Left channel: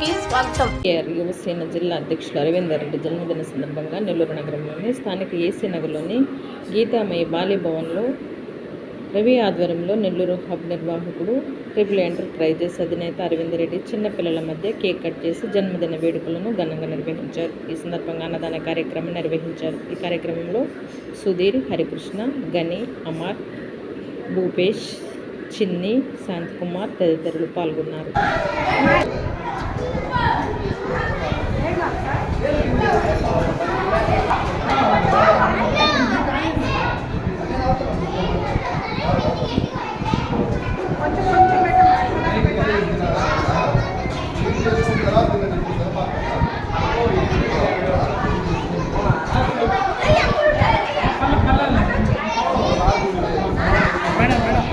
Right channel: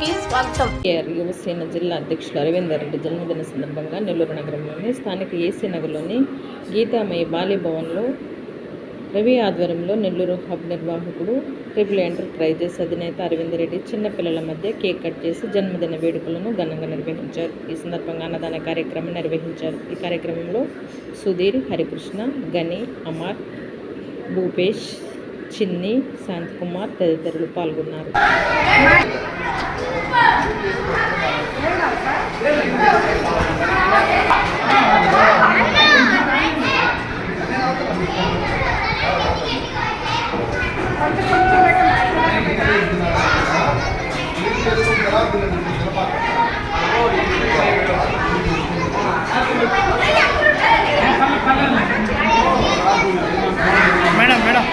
కి స్వాగతం. యువసేన జిల్లా అధ్యక్షులు అరవిందర్ రెడ్డి జన్మదిన సందర్భంగా నెల్లూరు నగరంలోని స్థానిక ఏసీ నగర్లోని గీతామయి బాల్యభవన్లో రవి ఆధ్వర్యంలో నెల్లూరు హబ్ నిర్వాహకుడు ట్రిపుల్ ఎంటర్ప్రైజెస్ అధినేత అరవిందర్ రెడ్డి చిన్నపిల్లల మధ్య కేక్ కట్ చేసి జన్మదిన వేడుకలను ఘనంగా నిర్వహించారు. ఈ సందర్భంగా అన్నదాన కార్యక్రమం నిర్వహించారు. ఈ కార్యక్రమంలో సుధీర్, హరికృష్ణ, గని, అమర్, భూపేష్, చిన్ని, శాంతకుమార్ తదితరులు పాల్గొన్నారు. మేడం మేడం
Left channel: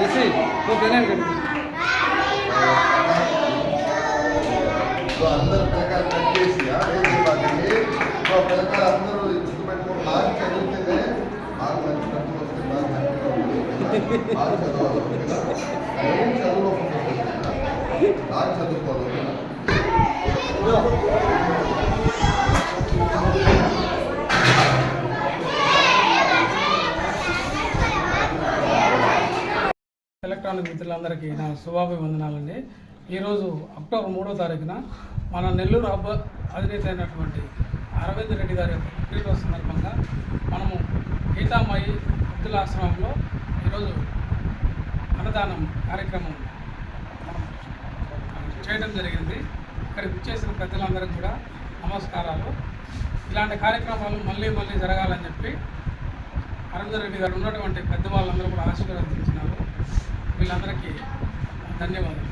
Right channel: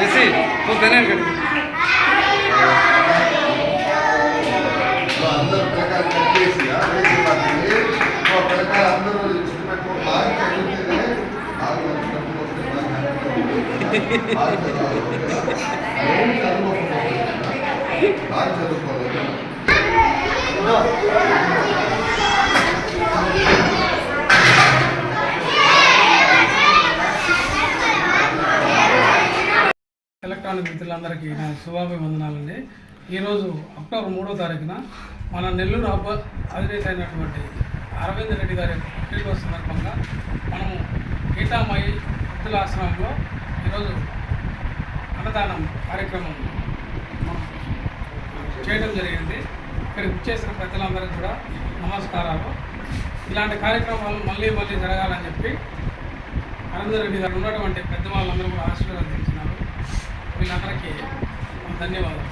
जैसे तो देना कर तो अंदर प्रकार करके सिया ऐसे बात है तो प्रकार अंदर इसमें को लाग करते हैं आग लगने के बाद आग चालू होगा आग चालू होगा ఎలక్ట్రానిక్ మిత్రులందరికీ నా శుభాభివందనాలండి. ఈరోజు అక్టోబర్ 3వ తారీఖున మన నెల్లూరు హబ్ అధినేత అయినటువంటి అరవింద్ రెడ్డి గారి పుట్టినరోజు సందర్భంగా మనము గీతామయి వృద్ధుల ఆశ్రమంలో ఈరోజు అన్నదానం కార్యక్రమం మనం చేయడం జరిగింది. ఇక్కడికి వచ్చేసిన ప్రజలందరికీ కూడా నమస్కారాలు. ఇలాంటి కార్యక్రమాలు మళ్ళీ జరగాలని చెప్పి అరవింద్ రెడ్డి గారు ఉన్నటువంటి పెద్దవాళ్ళందరూ కూడా ఆశీర్వదించినారు. వీళ్ళందరికీ ధన్యవాదాలు.